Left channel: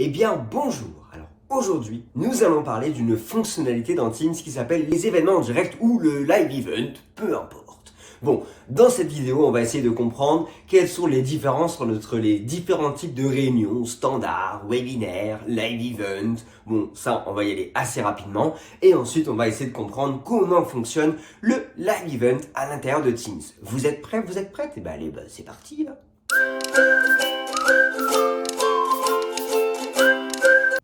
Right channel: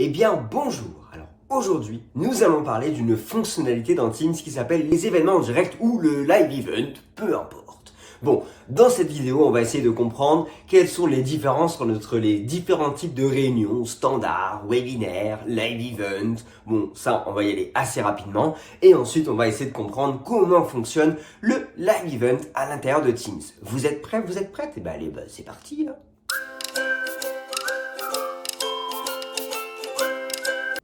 Eh bien, bonjour. Alors, aujourd'hui, nous allons parler d'une fonctionnalité dans Teams qui s'appelle les événements en direct ou le live event, peu importe. Bon, dans cette vidéo, on va essayer de comprendre quelles sont les différences entre les différents types de réunions, standards, webinaires, live event. Bon, ça, on va y aller assez rapidement. Et ensuite, on va essayer de comprendre comment fonctionne le live event à l'intérieur de Teams. Vous êtes prêts? Vous êtes prêtes? Eh ben, allez, c'est parti, là.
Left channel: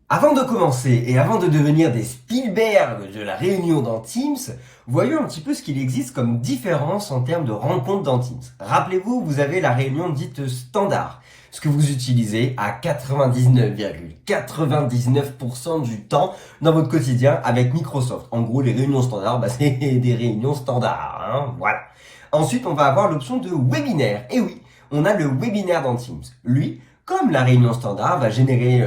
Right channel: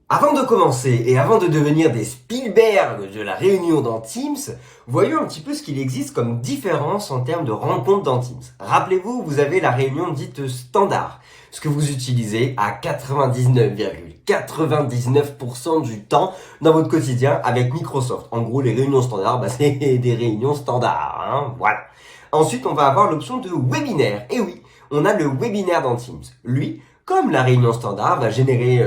Avant de commencer et avant de devenir des Spielberg de la réunion dans Teams, voyons un petit peu ce qu'il existe comme différence en termes de rencontres dans Teams. Rappelez-vous, vous avez la réunion dite standard, ce que vous utilisez à 99,99% du temps dans votre quotidien avec Microsoft. En gros, les réunions standards, c'est des réunions standards, hein, voilà. Ensuite, on va avoir l'option de webinaire. Et oui, on a le webinaire dans Teams. Lui, comme la réunion standard, va générer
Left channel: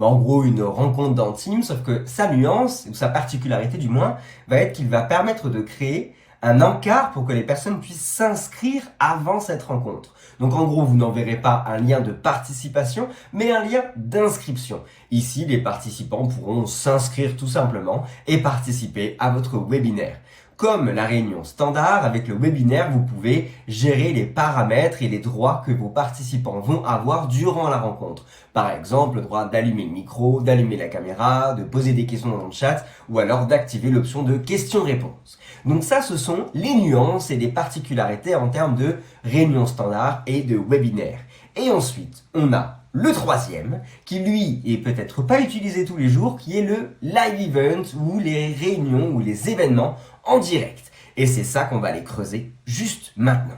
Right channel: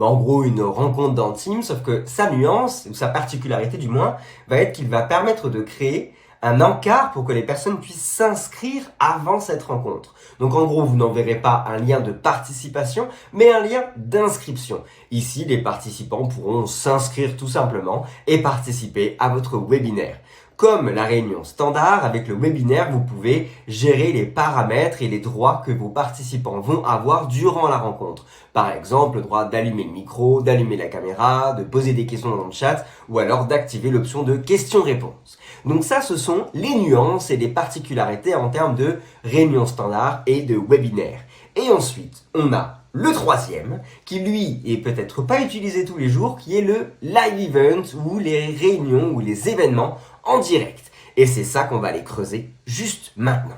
en gros une rencontre dans Teams, sauf que sa nuance, ou sa particularité du moins, va être qu'il va permettre de créer un encart pour que les personnes puissent s'inscrire avant cette rencontre. Donc en gros, vous n'enverrez pas un lien de participation, mais un lien d'inscription. Ici, les participants pourront s'inscrire tout simplement et participer à votre webinaire. Comme la réunion standard, avec le webinaire, vous pouvez gérer les paramètres et les droits que vos participants vont avoir durant la rencontre. Par exemple, le droit d'allumer le micro, d'allumer la caméra, de poser des questions dans le chat ou alors d'activer l'option de questions-réponses. Donc ça, ce sont les nuances et les particularités en termes de réunion standard et de webinaire. Et ensuite, on a le troisième, qui lui est peut-être pas utilisé tous les jours, qui est le live event ou les réunions ou les événements en direct. Et c'est ça qu'on va aller creuser juste maintenant.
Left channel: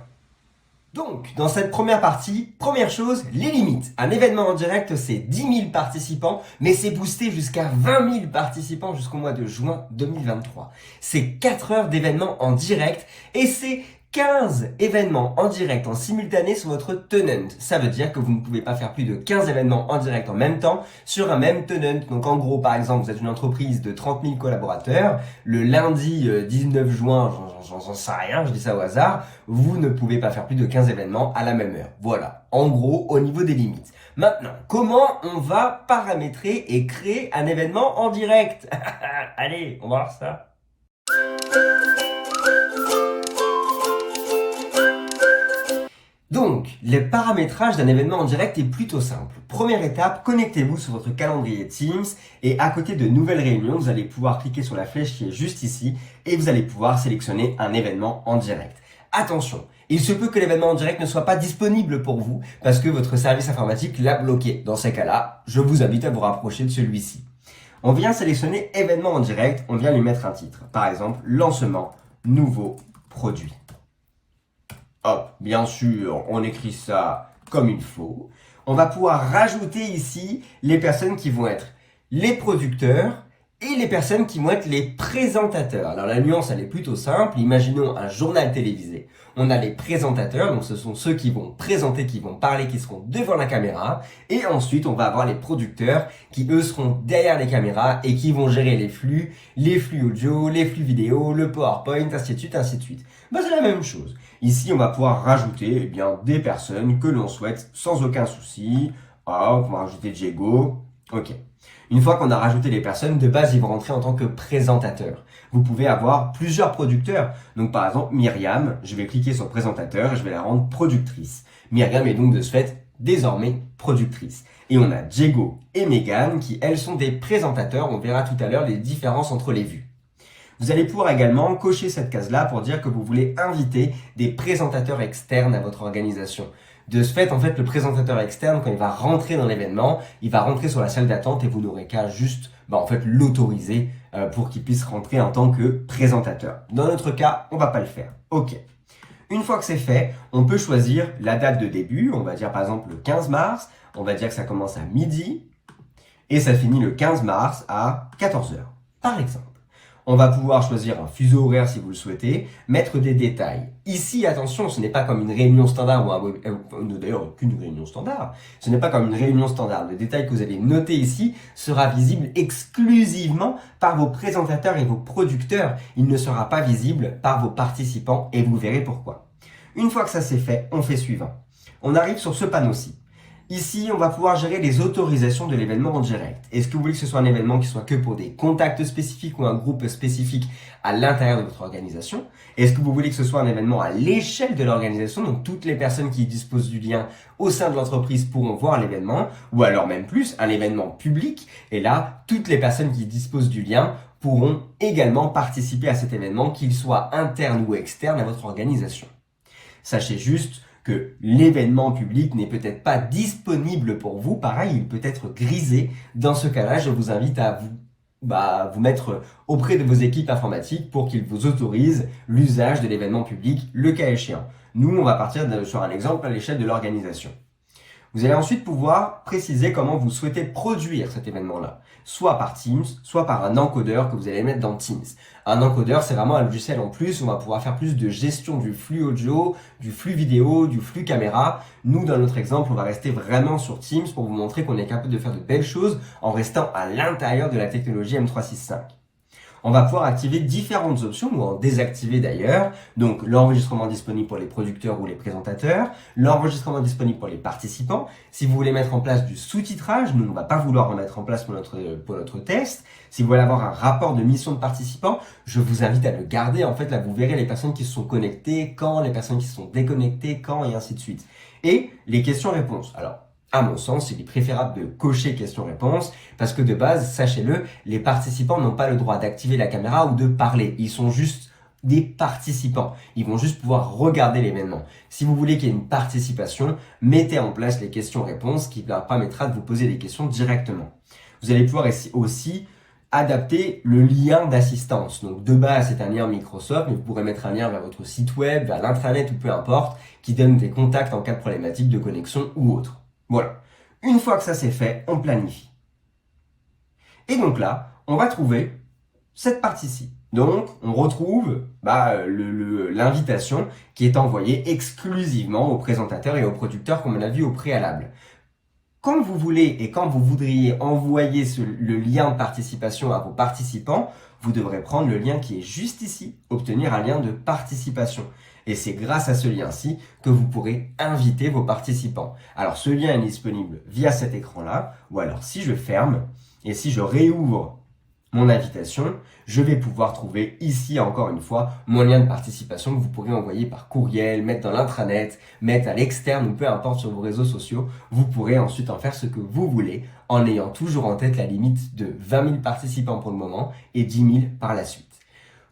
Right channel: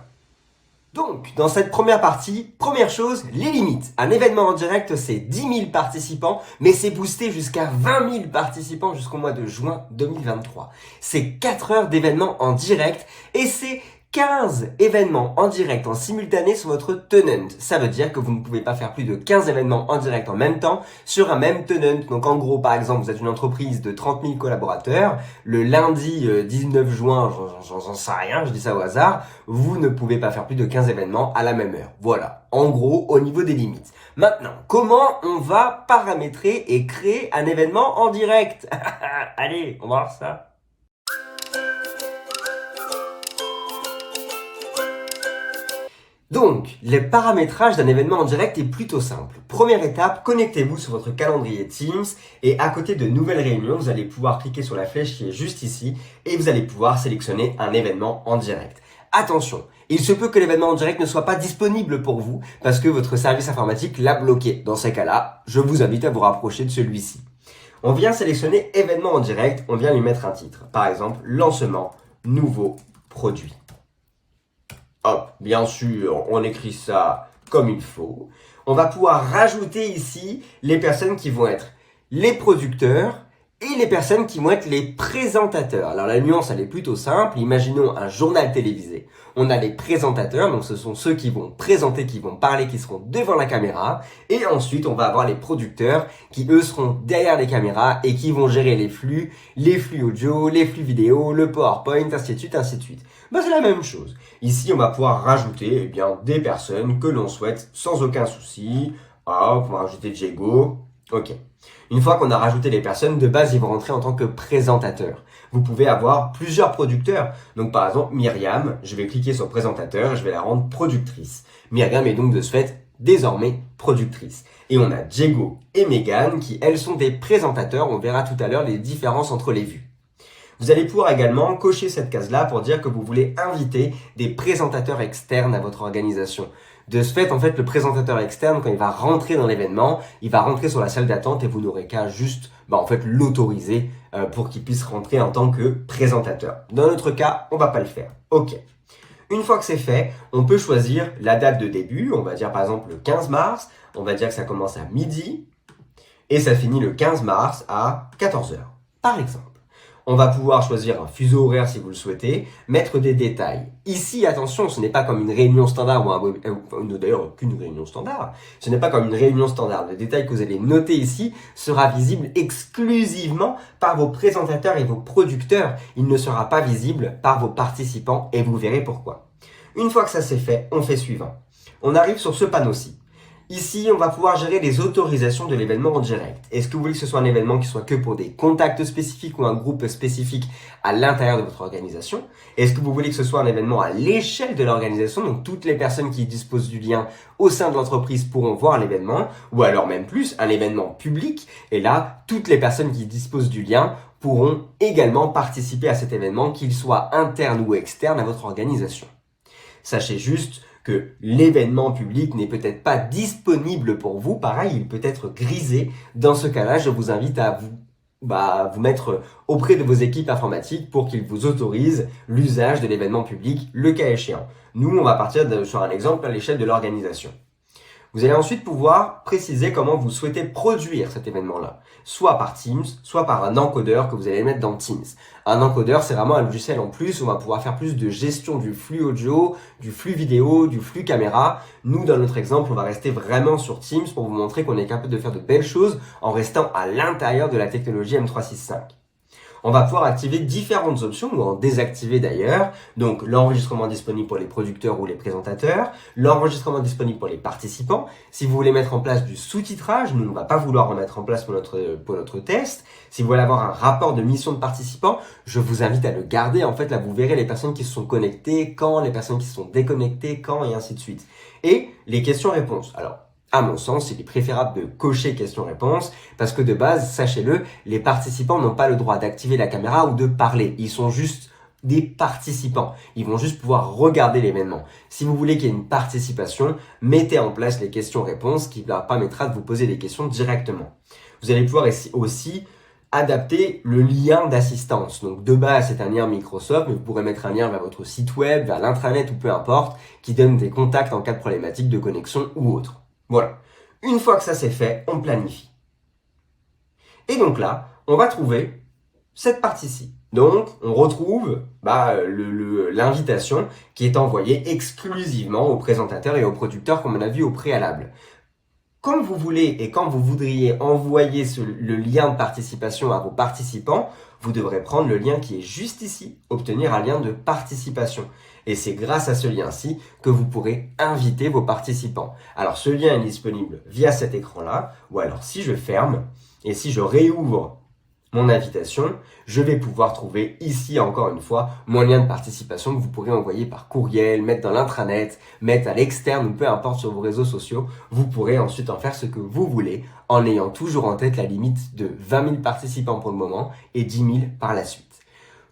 Donc, dans cette première partie, première chose, les limites. Un événement en direct, c'est 10 000 participants, mais c'est boosté jusqu'à 20 000 participants jusqu'au mois de juin 2023. C'est 4 heures d'événements en direct et c'est 15 événements en direct en simultané sur votre tenant. Ça veut dire que vous ne pouvez pas faire plus de 15 événements en direct en même temps sur un même tenant. Donc en gros, par exemple, vous êtes une entreprise de 30 000 collaborateurs. Le lundi 19 juin, j'en sais rien, je dis ça au hasard, vous ne pouvez pas faire plus de 15 événements à la même heure. Voilà, en gros, au niveau des limites. Maintenant, comment on va paramétrer et créer un événement en direct? Allez, on va voir ça. Donc, le paramétrage d'un événement en direct est plutôt simple. Première étape, connectez-vous sur votre calendrier Teams et à côté de nouvelles réunions, vous allez pouvoir cliquer sur la flèche qui est juste ici et vous allez pouvoir sélectionner un événement en direct. Attention, il se peut que l'événement en direct ne soit pas disponible pour vous parce que votre service informatique l'a bloqué. Dans ces cas-là, je vous invite à vous rapprocher de celui-ci. On vient sélectionner événement en direct, on vient lui mettre un titre. Par exemple, lancement, nouveau produit. Hop, bien sûr, on écrit ça comme il faut. On va pouvoir rajouter ici les personnes qui vont être les producteurs et les personnes qui vont être les présentateurs. Alors la nuance, elle est plutôt simple. Imaginons un journal télévisé. On a les présentateurs, donc ce sont ceux qui vont présenter, qui vont parler, qui seront devant la caméra. Et ensuite, on va avoir les producteurs qui, eux, seront derrière les caméras et qui vont gérer les flux audio, les flux vidéo, le PowerPoint, ainsi de suite, ainsi de suite. C'est la même chose. Ici, on va pouvoir rajouter des personnes que l'on souhaite sans aucun souci. Hop, on va rajouter Diego. Ok. Une fois qu'on a rajouté les personnes, de base, ils vont rentrer en tant que présentateurs. Vous pouvez avoir plusieurs producteurs. Donc, par exemple, Myriam, je vais cliquer sur présentateur et je vais la rendre productrice. Myriam est donc de ce fait désormais productrice. Et on a Diego et Megan qui, elles, sont des présentateurs. On verra tout à l'heure les différences entre les vues. Vous allez pouvoir également cocher cette case-là pour dire que vous voulez inviter des présentateurs externes à votre organisation. De ce fait, le présentateur externe, quand il va rentrer dans l'événement, il va rentrer sur la salle d'attente et vous n'aurez qu'à juste l'autoriser pour qu'il puisse rentrer en tant que présentateur. Dans notre cas, on va pas le faire. Ok. Une fois que c'est fait, on peut choisir la date de début. On va dire par exemple le 15 mars. On va dire que ça commence à midi et ça finit le 15 mars à 14 heures, par exemple. On va pouvoir choisir un fuseau horaire si vous le souhaitez, mettre des détails. Ici, attention, ce n'est pas comme une réunion standard d'ailleurs aucune réunion standard. Ce n'est pas comme une réunion standard. Le détail que vous allez noter ici sera visible exclusivement par vos présentateurs et vos producteurs. Il ne sera pas visible par vos participants et vous verrez pourquoi. Une fois que ça c'est fait, on fait suivant. On arrive sur ce panneau-ci. Ici, on va pouvoir gérer les autorisations de l'événement en direct. Est-ce que vous voulez que ce soit un événement qui soit que pour des contacts spécifiques ou un groupe spécifique à l'intérieur de votre organisation? Est-ce que vous voulez que ce soit un événement à l'échelle de l'organisation, donc toutes les personnes qui disposent du lien au sein de l'entreprise pourront voir l'événement, ou alors même plus, un événement public, et là, toutes les personnes qui disposent du lien pourront également participer à cet événement, qu'il soit interne ou externe à votre organisation. Sachez juste que l'événement public n'est peut-être pas disponible pour vous. Pareil, il peut être grisé. Dans ce cas-là, je vous invite à vous mettre auprès de vos équipes informatiques pour qu'ils vous autorisent l'usage de l'événement public, le cas échéant. Nous, on va partir sur un exemple à l'échelle de l'organisation. Vous allez ensuite pouvoir préciser comment vous souhaitez produire cet événement-là, soit par Teams, soit par un encodeur que vous allez mettre dans Teams. Un encodeur, c'est vraiment un logiciel en plus, on va pouvoir faire plus de gestion du flux audio, du flux vidéo, du flux caméra. Nous, dans notre exemple, on va rester vraiment sur Teams pour vous montrer qu'on est capable de faire de belles choses en restant à l'intérieur de la technologie M365. On va pouvoir activer différentes options ou en désactiver d'ailleurs. Donc l'enregistrement disponible pour les producteurs ou les présentateurs, l'enregistrement disponible pour les participants. Si vous voulez mettre en place du sous-titrage, nous on ne va pas vouloir en mettre en place pour notre test. Si vous voulez avoir un rapport de mission de participants, je vous invite à le garder. En fait, là vous verrez les personnes qui se sont connectées, quand, les personnes qui se sont déconnectées, quand et ainsi de suite. Et les questions-réponses. Alors, à mon sens, il est préférable de cocher questions-réponses parce que de base, sachez-le, les participants n'ont pas le droit d'activer la caméra ou de parler. Ils sont juste des participants. Ils vont juste pouvoir regarder l'événement. Si vous voulez qu'il y ait une participation, mettez en place les questions-réponses qui leur permettra de vous poser des questions directement. Vous allez pouvoir aussi adapter le lien d'assistance. Donc de base, c'est un lien Microsoft, mais vous pourrez mettre un lien vers votre site web, vers l'intranet ou peu importe, qui donne des contacts en cas de problématique de connexion ou autre. Voilà. Une fois que ça c'est fait, on planifie. Et donc là, on va trouver cette partie-ci. Donc, on retrouve l'invitation qui est envoyée exclusivement aux présentateurs et aux producteurs comme on a vu au préalable. Quand vous voulez et quand vous voudriez envoyer le lien de participation à vos participants, vous devrez prendre le lien qui est juste ici, obtenir un lien de participation. Et c'est grâce à ce lien-ci que vous pourrez inviter vos participants. Alors ce lien est disponible via cet écran-là, ou alors si je ferme et si je réouvre mon invitation, je vais pouvoir trouver ici encore une fois mon lien de participation que vous pourrez envoyer par courriel, mettre dans l'intranet, mettre à l'externe ou peu importe sur vos réseaux sociaux. Vous pourrez ensuite en faire ce que vous voulez en ayant toujours en tête la limite de 20 000 participants pour le moment et 10 000 par la suite.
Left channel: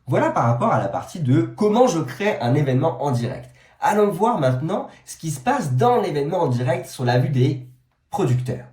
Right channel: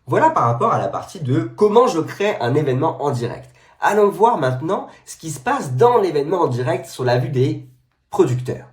Voilà par rapport à la partie de comment je crée un événement en direct. Allons voir maintenant ce qui se passe dans l'événement en direct sur la vue des producteurs.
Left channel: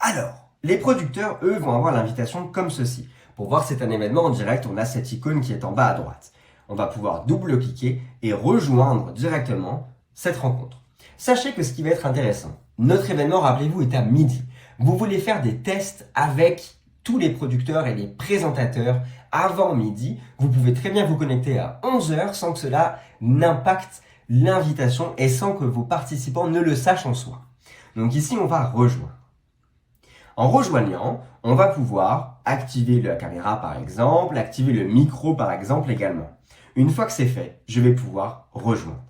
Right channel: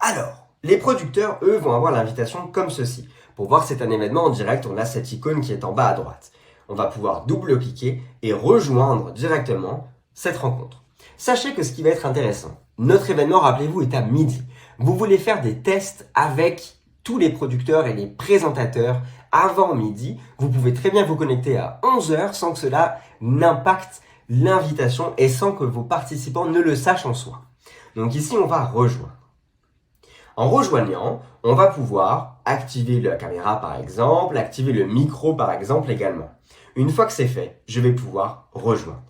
Alors, les producteurs, eux, vont avoir l'invitation comme ceci. Pour voir si c'est un événement en direct, on a cette icône qui est en bas à droite. On va pouvoir double-cliquer et rejoindre directement cette rencontre. Sachez que ce qui va être intéressant, notre événement, rappelez-vous, est à midi. Vous voulez faire des tests avec tous les producteurs et les présentateurs avant midi. Vous pouvez très bien vous connecter à 11h sans que cela n'impacte l'invitation et sans que vos participants ne le sachent en soi. Donc ici, on va rejoindre. En rejoignant, on va pouvoir activer la caméra par exemple, activer le micro par exemple également. Une fois que c'est fait, je vais pouvoir rejoindre.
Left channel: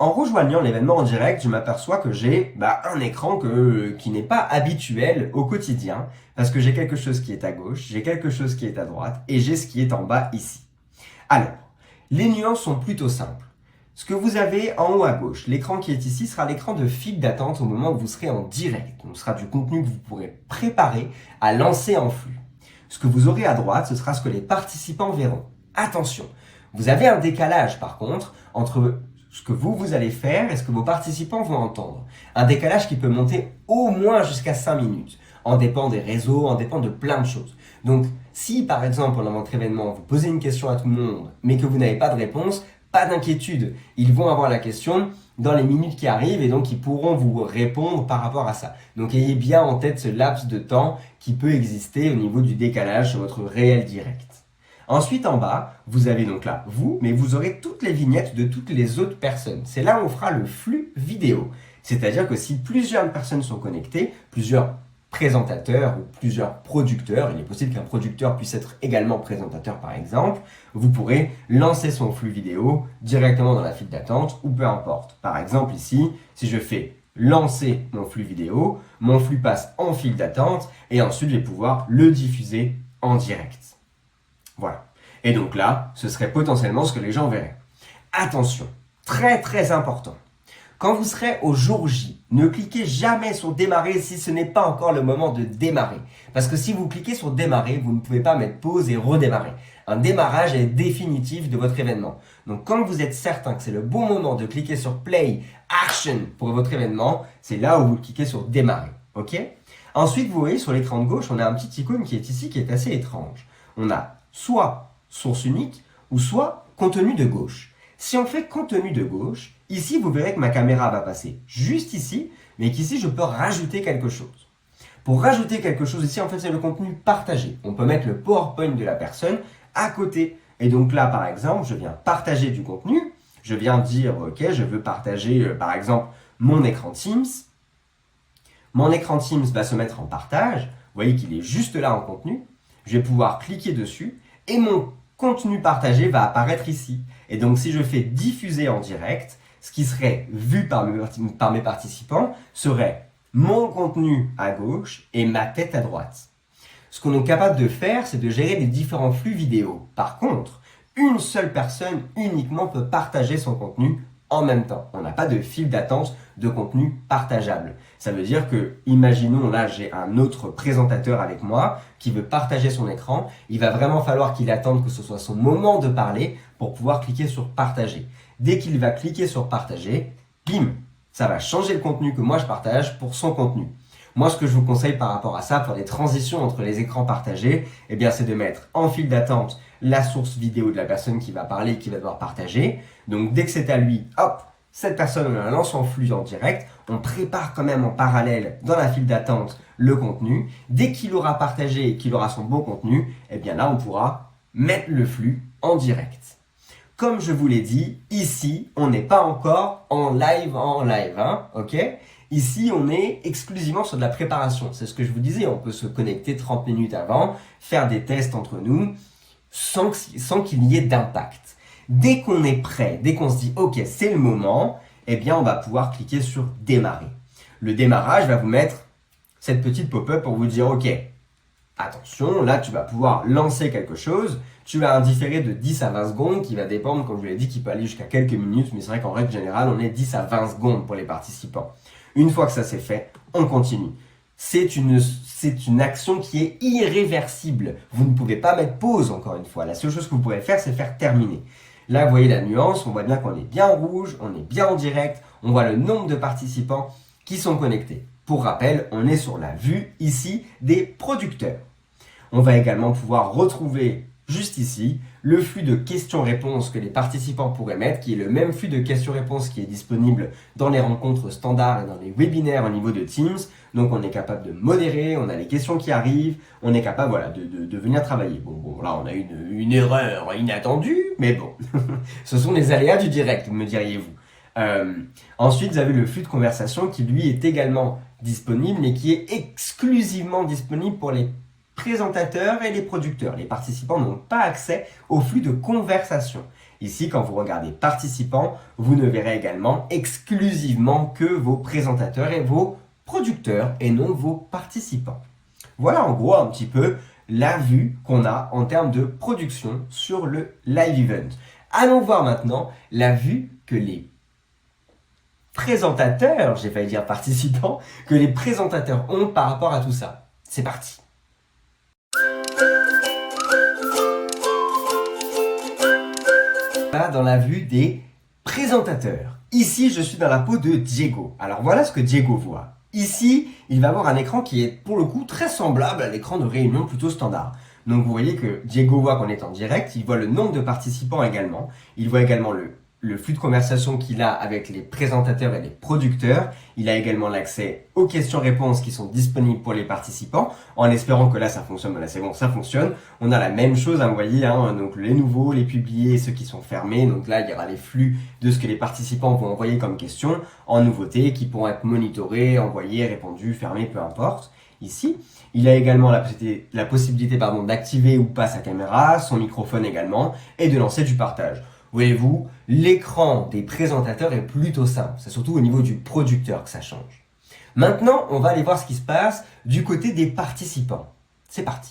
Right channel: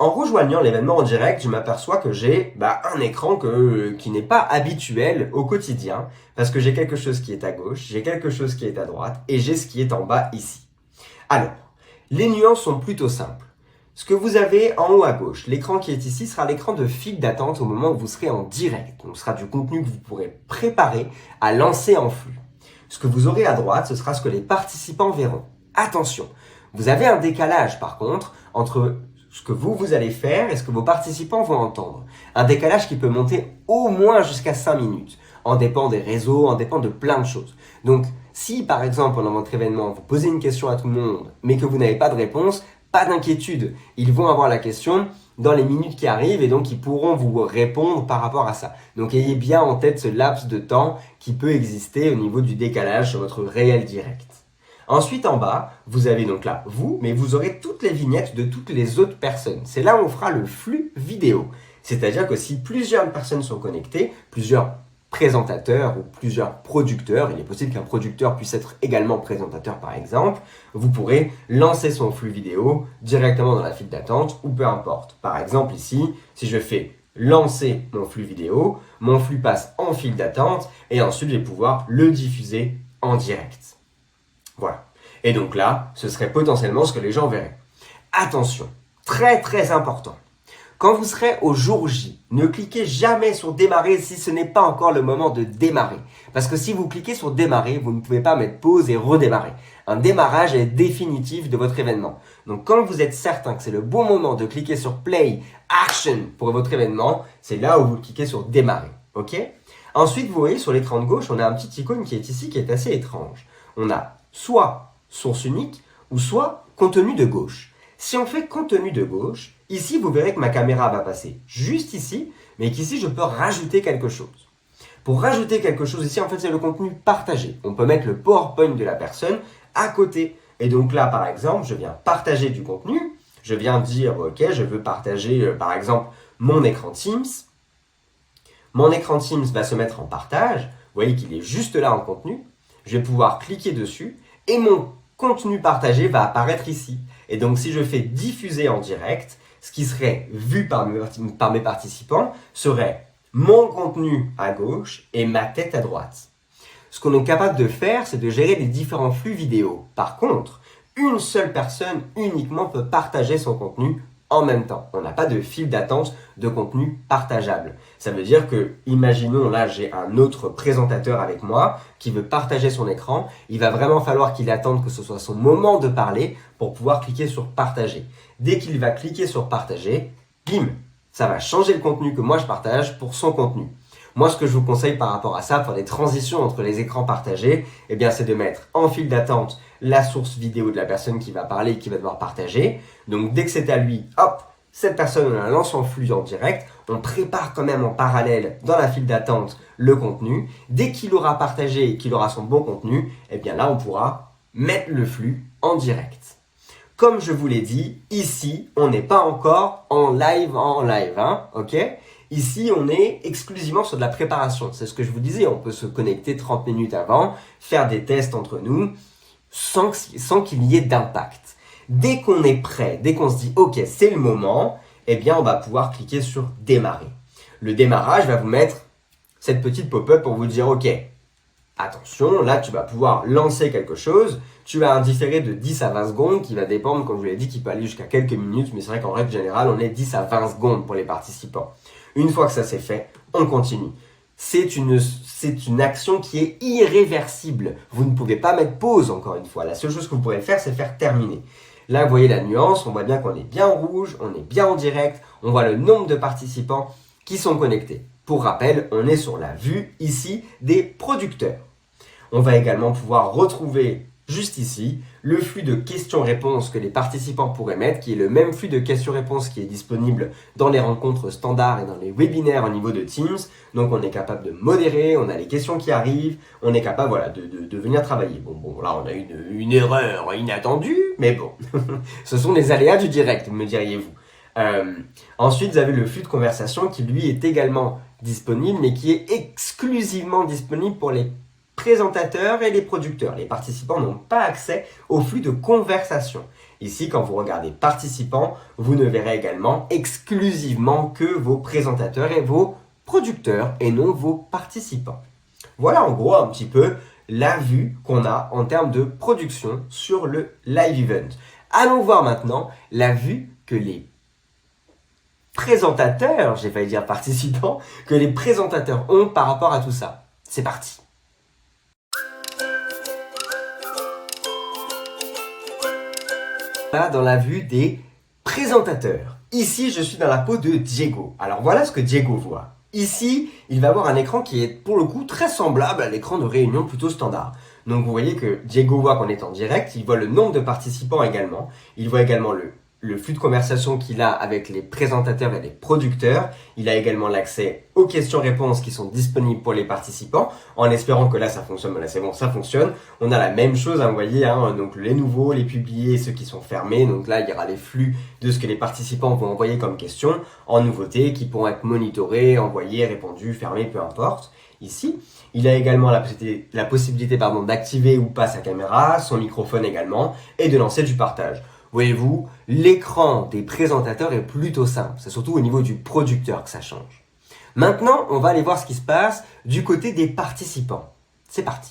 En rejoignant l'événement en direct, je m'aperçois que j'ai un écran qui n'est pas habituel au quotidien parce que j'ai quelque chose qui est à gauche, j'ai quelque chose qui est à droite et j'ai ce qui est en bas ici. Alors, les nuances sont plutôt simples. Ce que vous avez en haut à gauche, l'écran qui est ici sera l'écran de file d'attente au moment où vous serez en direct. Donc, ce sera du contenu que vous pourrez préparer à lancer en flux. Ce que vous aurez à droite, ce sera ce que les participants verront. Attention, vous avez un décalage par contre entre ce que vous allez faire et ce que vos participants vont entendre. Un décalage qui peut monter au moins jusqu'à 5 minutes. En dépend des réseaux, en dépend de plein de choses. Donc, si par exemple pendant votre événement, vous posez une question à tout le monde, mais que vous n'avez pas de réponse, pas d'inquiétude. Ils vont avoir la question dans les minutes qui arrivent et donc ils pourront vous répondre par rapport à ça. Donc, ayez bien en tête ce laps de temps qui peut exister au niveau du décalage sur votre réel direct. Ensuite, en bas, vous avez donc là vous, mais vous aurez toutes les vignettes de toutes les autres personnes. C'est là où on fera le flux vidéo. C'est-à-dire que si plusieurs personnes sont connectées, plusieurs présentateurs ou plusieurs producteurs, il est possible qu'un producteur puisse être également présentateur par exemple, vous pourrez lancer son flux vidéo directement dans la file d'attente ou peu importe. Par exemple ici, si je fais lancer mon flux vidéo, mon flux passe en file d'attente et ensuite je vais pouvoir le diffuser en direct. Voilà. Et donc là, ce serait potentiellement ce que les gens verraient. Attention, très très important. Quand vous serez au jour J, ne cliquez jamais sur démarrer si ce n'est pas encore le moment de démarrer. Parce que si vous cliquez sur démarrer, vous ne pouvez pas mettre pause et redémarrer. Un démarrage est définitif de votre événement. Donc quand vous êtes certain que c'est le bon moment de cliquer sur play, action pour votre événement, c'est là où vous cliquez sur démarrer. Ok ? Ensuite, vous voyez sur l'écran de gauche, on a un petit icône qui est ici qui est assez étrange. On a soit source unique ou soit contenu de gauche. Si on fait contenu de gauche, ici vous verrez que ma caméra va passer juste ici, mais qu'ici je peux rajouter quelque chose. Pour rajouter quelque chose ici, en fait c'est le contenu partagé. On peut mettre le PowerPoint de la personne à côté. Et donc là par exemple, je viens partager du contenu, je viens dire ok, je veux partager par exemple mon écran Teams. Mon écran Teams va se mettre en partage, vous voyez qu'il est juste là en contenu. Je vais pouvoir cliquer dessus et mon contenu partagé va apparaître ici. Et donc, si je fais diffuser en direct, ce qui serait vu par mes participants serait mon contenu à gauche et ma tête à droite. Ce qu'on est capable de faire, c'est de gérer les différents flux vidéo. Par contre, une seule personne uniquement peut partager son contenu en même temps. On n'a pas de file d'attente de contenu partageable. Ça veut dire que, imaginons là, j'ai un autre présentateur avec moi qui veut partager son écran. Il va vraiment falloir qu'il attende que ce soit son moment de parler pour pouvoir cliquer sur partager. Dès qu'il va cliquer sur partager, bim, ça va changer le contenu que moi je partage pour son contenu. Moi, ce que je vous conseille par rapport à ça, pour les transitions entre les écrans partagés, eh bien, c'est de mettre en file d'attente la source vidéo de la personne qui va parler et qui va devoir partager. Donc, dès que c'est à lui, hop, cette personne, on la lance en flux en direct. On prépare quand même en parallèle dans la file d'attente le contenu. Dès qu'il aura partagé et qu'il aura son bon contenu, eh bien là, on pourra mettre le flux en direct. Comme je vous l'ai dit, ici, on n'est pas encore en live, hein, ok ? Ici, on est exclusivement sur de la préparation. C'est ce que je vous disais, on peut se connecter 30 minutes avant, faire des tests entre nous, sans qu'il y ait d'impact. Dès qu'on est prêt, dès qu'on se dit « Ok, c'est le moment », eh bien, on va pouvoir cliquer sur « Démarrer ». Le démarrage va vous mettre cette petite pop-up pour vous dire « Ok, attention, là, tu vas pouvoir lancer quelque chose. Tu as un différé de 10 à 20 secondes qui va dépendre, comme je vous l'ai dit, qui peut aller jusqu'à quelques minutes, mais c'est vrai qu'en règle générale, on est 10 à 20 secondes pour les participants. Une fois que ça c'est fait, on continue. C'est une action qui est irréversible. Vous ne pouvez pas mettre pause encore une fois. La seule chose que vous pouvez faire, c'est faire terminer. Là, vous voyez la nuance, on voit bien qu'on est bien en rouge, on est bien en direct, on voit le nombre de participants qui sont connectés. Pour rappel, on est sur la vue ici des producteurs. On va également pouvoir retrouver juste ici le flux de questions-réponses que les participants pourraient mettre, qui est le même flux de questions-réponses qui est disponible dans les rencontres standards et dans les webinaires au niveau de Teams. Donc on est capable de modérer, on a les questions qui arrivent, on est capable voilà, de venir travailler. Bon, là on a une erreur inattendue, mais bon, ce sont les aléas du direct, me diriez-vous. Ensuite, vous avez le flux de conversation qui lui est également disponible, mais qui est exclusivement disponible pour les présentateurs et les producteurs. Les participants n'ont pas accès au flux de conversation. Ici, quand vous regardez participants, vous ne verrez également exclusivement que vos présentateurs et vos producteurs et non vos participants. Voilà en gros un petit peu la vue qu'on a en termes de production sur le live event. Allons voir maintenant la vue que les présentateurs, j'ai failli dire participants, que les présentateurs ont par rapport à tout ça. C'est parti. Là, dans la vue des présentateurs. Ici, je suis dans la peau de Diego. Alors voilà ce que Diego voit. Ici, il va avoir un écran qui est pour le coup très semblable à l'écran de réunion plutôt standard. Donc vous voyez que Diego voit qu'on est en direct, il voit le nombre de participants également, il voit également le le flux de conversation qu'il a avec les présentateurs et les producteurs. Il a également l'accès aux questions-réponses qui sont disponibles pour les participants, en espérant que là ça fonctionne. Mais là c'est bon, ça fonctionne. On a la même chose, hein, vous voyez, donc les nouveaux, les publiés, ceux qui sont fermés. Donc là il y aura les flux de ce que les participants vont envoyer comme questions en nouveautés qui pourront être monitorés, envoyés, répondus, fermés, peu importe. Ici, il a également la possibilité d'activer ou pas sa caméra, son microphone également, et de lancer du partage. Voyez-vous, l'écran des présentateurs est plutôt simple. C'est surtout au niveau du producteur que ça change. Maintenant, on va aller voir ce qui se passe du côté des participants. C'est parti.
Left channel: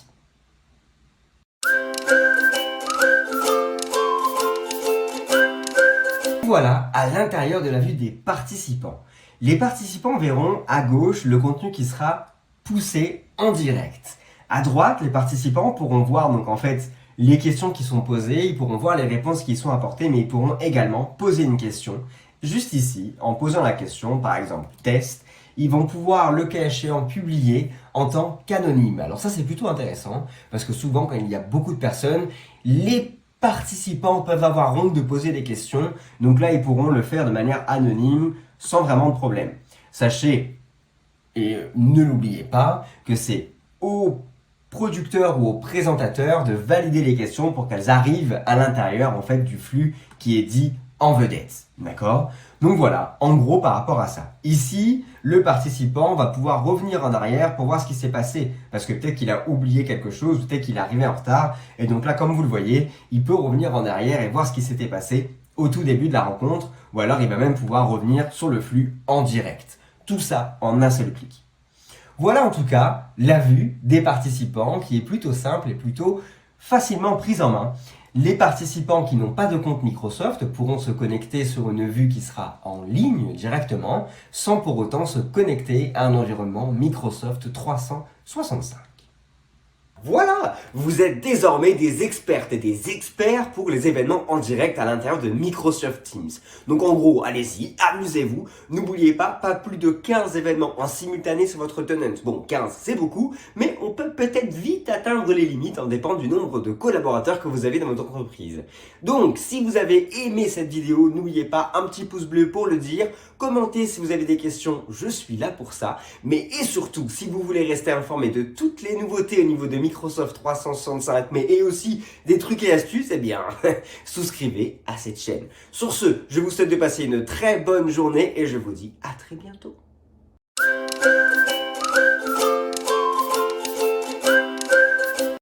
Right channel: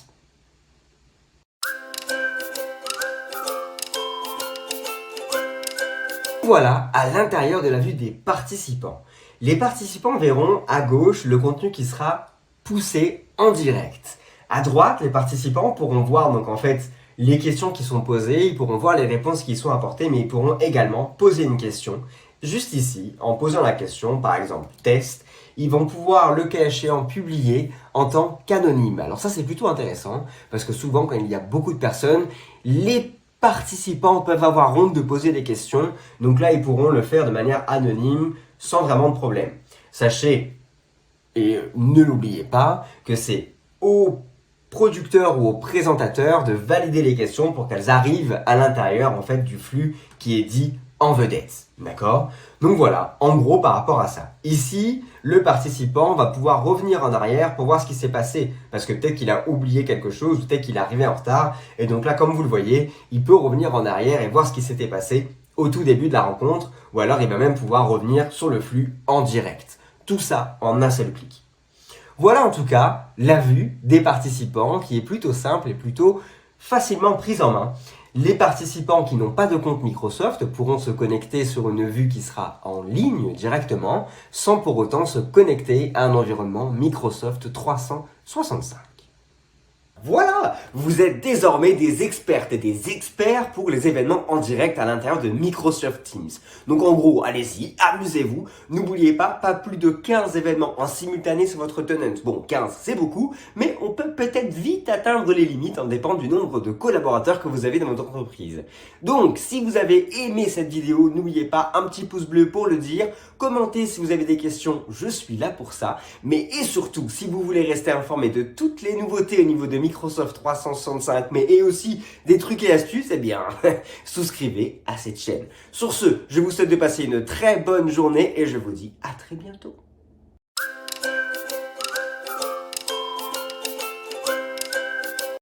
Voilà à l'intérieur de la vue des participants. Les participants verront à gauche le contenu qui sera poussé en direct. À droite, les participants pourront voir donc en fait les questions qui sont posées, ils pourront voir les réponses qui sont apportées, mais ils pourront également poser une question. Juste ici, en posant la question, par exemple test, ils vont pouvoir, le cas échéant, publier en tant qu'anonyme. Alors ça c'est plutôt intéressant, parce que souvent quand il y a beaucoup de personnes, les participants peuvent avoir honte de poser des questions, donc là ils pourront le faire de manière anonyme, sans vraiment de problème. Sachez, et ne l'oubliez pas, que c'est aux producteurs ou aux présentateurs de valider les questions pour qu'elles arrivent à l'intérieur en fait du flux qui est dit en vedette. D'accord? Donc voilà, en gros par rapport à ça. Ici, le participant va pouvoir revenir en arrière pour voir ce qui s'est passé. Parce que peut-être qu'il a oublié quelque chose, peut-être qu'il est arrivé en retard. Et donc là, comme vous le voyez, il peut revenir en arrière et voir ce qui s'était passé au tout début de la rencontre. Ou alors il va même pouvoir revenir sur le flux en direct. Tout ça en un seul clic. Voilà en tout cas la vue des participants qui est plutôt simple et plutôt facilement prise en main. Les participants qui n'ont pas de compte Microsoft pourront se connecter sur une vue qui sera en ligne directement sans pour autant se connecter à un environnement Microsoft 365. Voilà, vous êtes désormais des expertes et des experts pour les événements en direct à l'intérieur de Microsoft Teams. Donc en gros, allez-y, amusez-vous. N'oubliez pas plus de 15 événements en simultané sur votre tenant. Bon, 15 c'est beaucoup, mais on peut peut-être vite atteindre les limites en dépendant du nombre de collaborateurs que vous avez dans votre entreprise. Donc, si vous avez aimé cette vidéo, n'oubliez pas un petit pouce bleu pour le dire. Commentez si vous avez des questions, je suis là pour ça. Mais et surtout, si vous voulez rester informé de toutes les nouveautés au niveau de Microsoft 365, mais et aussi des trucs et astuces, eh bien, souscrivez à cette chaîne. Sur ce, je vous souhaite de passer une très bonne journée et je vous dis à très bientôt.